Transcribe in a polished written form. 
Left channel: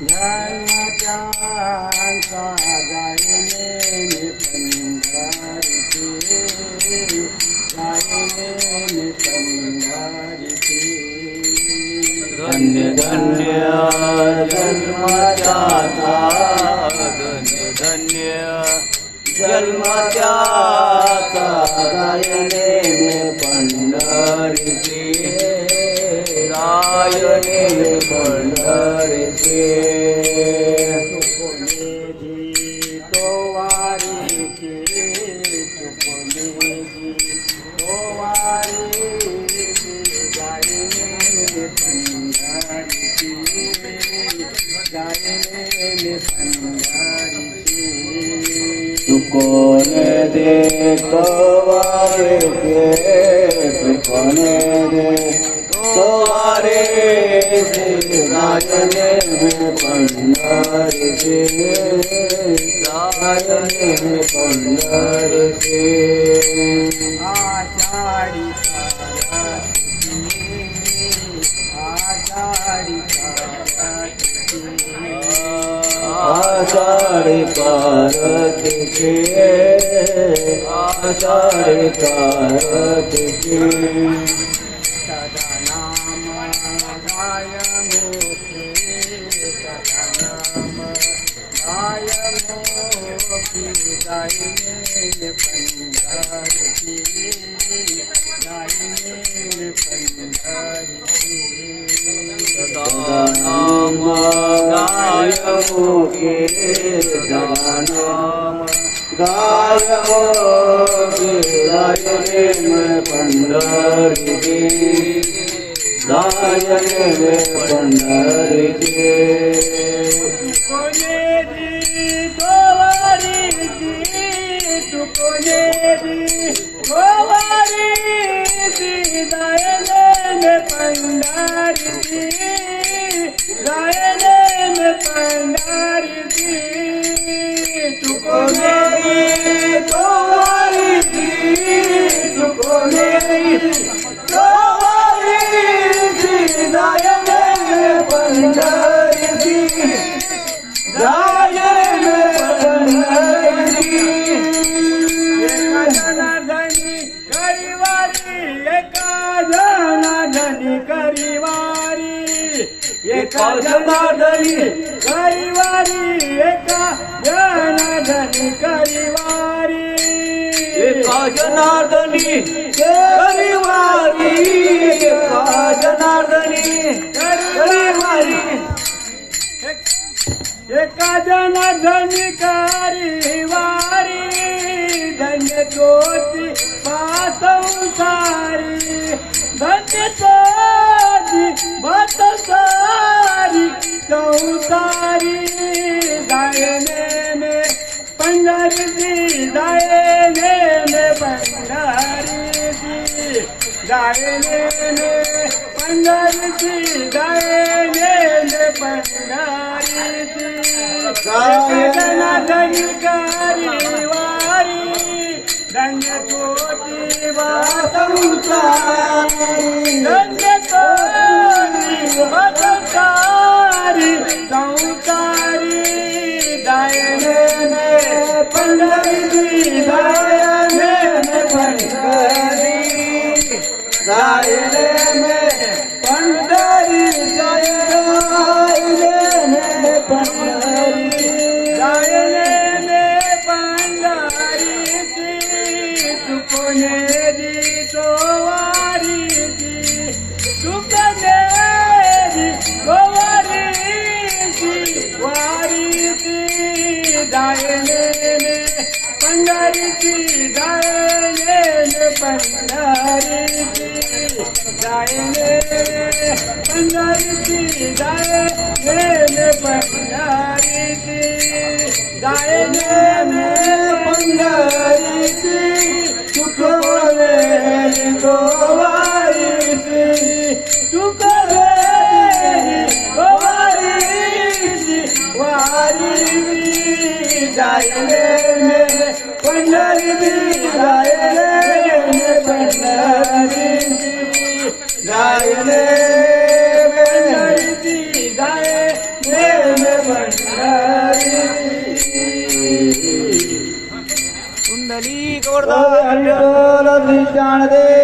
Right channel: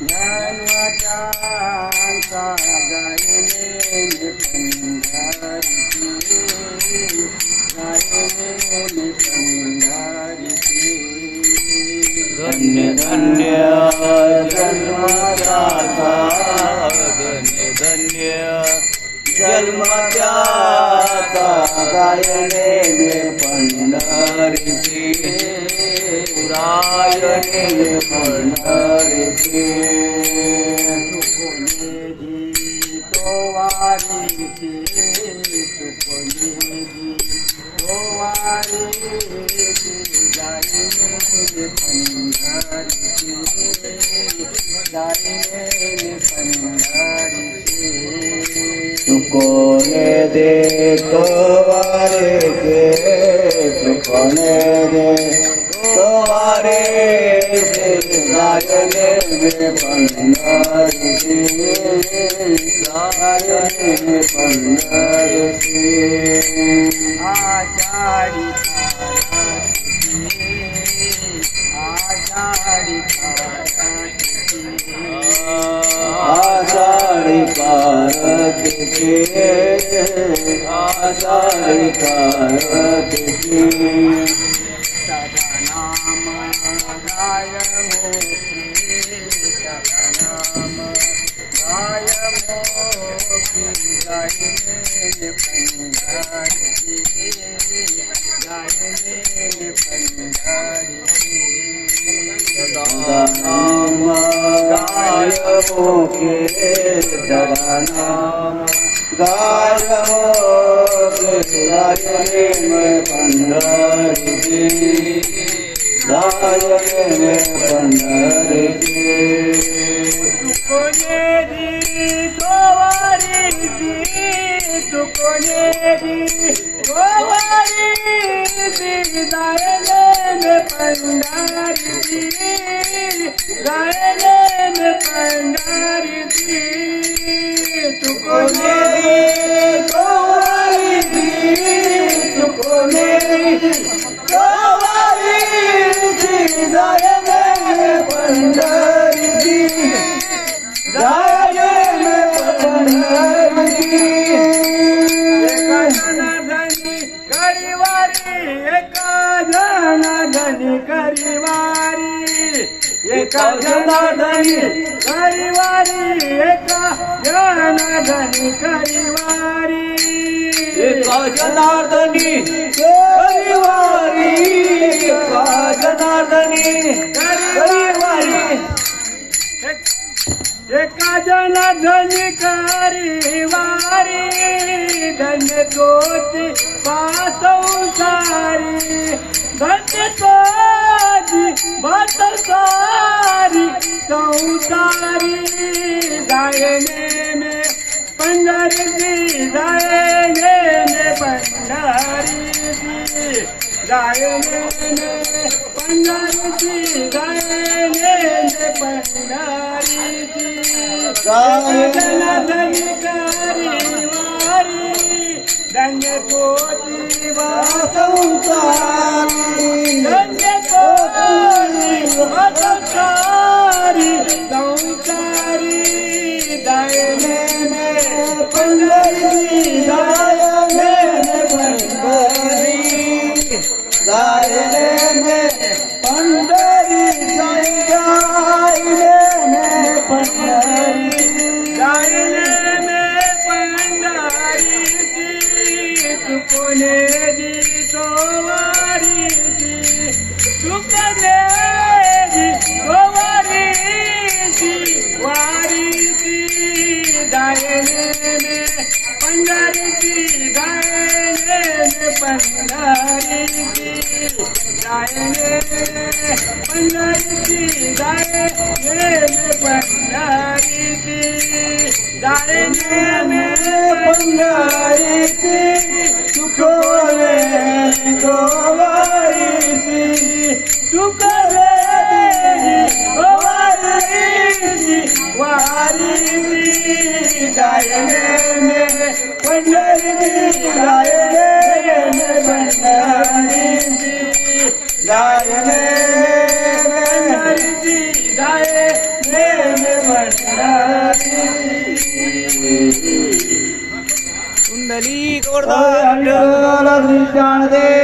जन्मजांचा गायने पंढरीचे गायने पंढरीचे धन्य धन्य जन्मजाता धन्य धन्य जन्मजाता गायने पंढरीचे रायने पंढरीचे चुकले तो वारीची चुकले तो वारीची गायने पंढरीची गायने पंढरीची चुकोने दे तो वारीचे चुकोने दे तो वारीचे गायने पंढरीचे गायने पंढरीचे आषाढी आषाढी पारतीचे आषाढी पारतीचे सदा नाम गाय मोखे सदा नाम गाय मोखे गायने पंढरीचे गायने पंढरीचे सदा नाम गाय मोखे सदा नाम गाय मोखे गायने पंढरीचे गायने पंढरीचे तुकोने दी तो वारीची तुकोने दी तो वारीची गायने पंढरीची गायने पंढरीची तुकोने दी तो वारीची तुकोने दी तो वारीची गायने पंढरीची गायने पंढरीची एका जनार्दनी करीवारी एका जनार्दनी करीवारी एका जनार्दनी करीवारी एका जनार्दनी करीवारी एका जनार्दनी करीवारी एका जनार्दनी करीवारी एका जनार्दनी करीवारी धन्य तोची पासंसारी धन्य तोची पासंसारी संसारी गायने में पंढरीची गायने में पंढरीची गायने में पंढरीची गायने में पंढरीची जनार्दनी करीवारी धन्य तोची वासंसारी धन्य तोची वासंसारी संसारी गायने में पंढरीची गायने में पंढरी गायने में पंढरी गायने में पंढरी गायने में पंढरीची तुकोने दी तो वारीची तुकोने दी तो वारीची वारीची गायने में पंढरीची गायने में पंढरीची गायने पंढरीची गायने में पंढरीची गायने में पंढरीची तुकोने तो वारीची तुकोने तो वारीची वारीची गायने में पंढरीची गायने में पंढरीची गायने में पंढरीची गायने में पंढरी कुंडली गोवर्धन विठ्ठल